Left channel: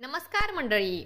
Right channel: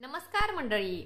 नमस्कार मंडळी,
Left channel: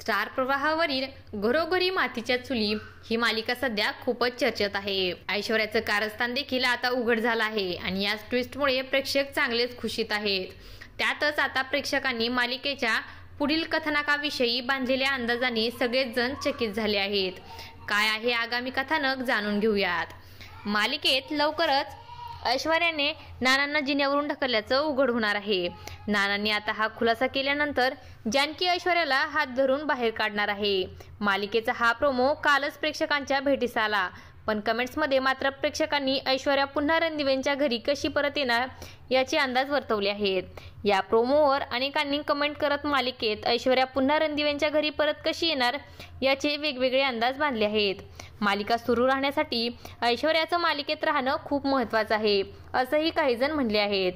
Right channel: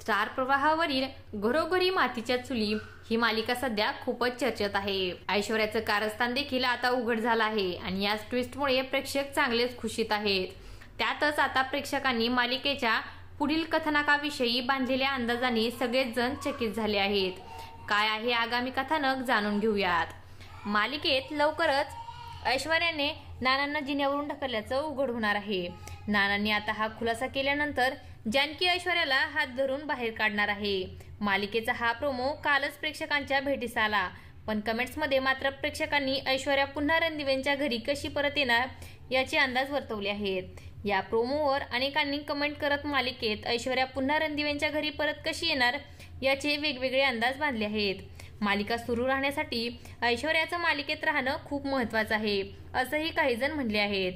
स्टार प्रवाहावरील घरोघरी मातीच्या चुली ही मालिका सध्या खूपच चर्चेत आहे। ऐश्वर्याचं कारस्थान देखील आता उघड झालं आहे आणि याच ट्विस्टमुळे प्रेक्षक चांगलेच खुशीत आहेत। त्यातच आता प्रेक्षकांनी मालिकेच्या पुढील कथानकाविषयी बांधलेल्या अंदाजाने सगळेच जण चकित झाले आहेत। काय आहे आगामी कथानक जाणून घेऊयात। मालिकेत लवकरच ऐश्वर्याने नानांना जिन्यावरून ढकलल्याचं उघड होणार आहे। नानांनी आता हा खुलासा केल्यानंतर जानकी ऐश्वर्याला हात धरून बाहेर काढणार आहे। मालिकेचा हा प्रोमो कालच प्रेक्षकांच्या भेटीस आला, पण कमेंट्समध्ये मात्र प्रेक्षकांनी ऐश्वर्या पुन्हा रणदिवेंच्या घरी कशी परत येणार याचे अंदाज वर्तवले आहेत। या प्रोमोवर अनेकांनी कमेंट करत मालिकेत ऐश्वर्या पुन्हा रणदिवेंच्या घरी परत कशी येणार याचे वेगवेगळे अंदाज बांधले आहेत। मालिका सुरू राहण्यासाठी ऐश्वर्याचं मालिकेत राहणं खूप महत्त्वाचं आहे, असंही काही जण म्हणले आहेत।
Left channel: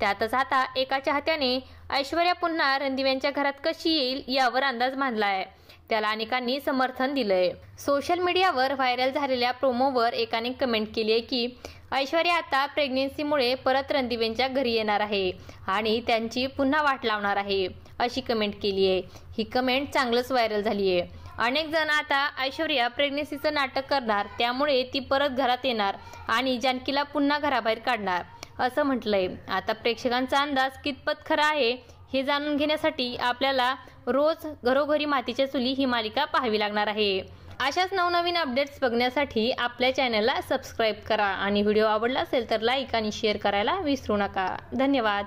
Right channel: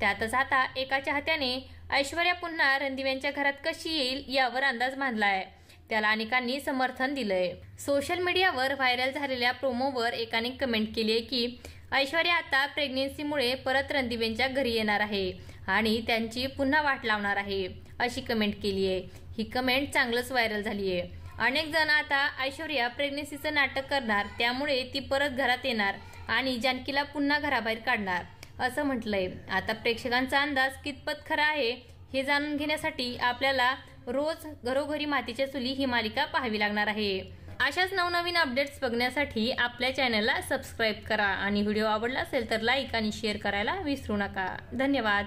त्यातच आता एका चाहत्याने ऐश्वर्या पुन्हा रणदिवेंच्या घरात कशी येईल यावर अंदाज बांधलाय, त्याला अनेकांनी समर्थन दिलंय। सोशल मीडियावर व्हायरल झालेल्या प्रोमोवर एकाने कमेंट केली आहे की ऐश्वर्या आता प्रेग्नेन्सीमुळे परत रणदिवेंच्या घरी येणार आहे आणि त्यांची पुन्हा वाट लावणार आहे, अशी कमेंट केली आहे। ही कमेंट चांगलंच व्हायरल झाली आहे। अनेक जण आता ऐश्वर्या प्रेग्नेन्सीचं नाटक करणार, त्यामुळे ती परत घरात येणार आणि जानकीला पुन्हा घराबाहेर काढणार, असं म्हटलंय। आता प्रेक्षकांचा अंदाज कितपत खरा आहे हे जाणून घेण्यासाठी आपल्याला रोज घरोघरी मातीच्या चुली ही मालिका पाहावी लागणार आहे। अशाच नवनवीन अपडेट्स बघण्यासाठी आपल्या चॅनलला सबस्क्राईब करा आणि व्हिडिओ आवडला असेल तर लाईक आणि शेअर करायला विसरू नका। धन्यवाद।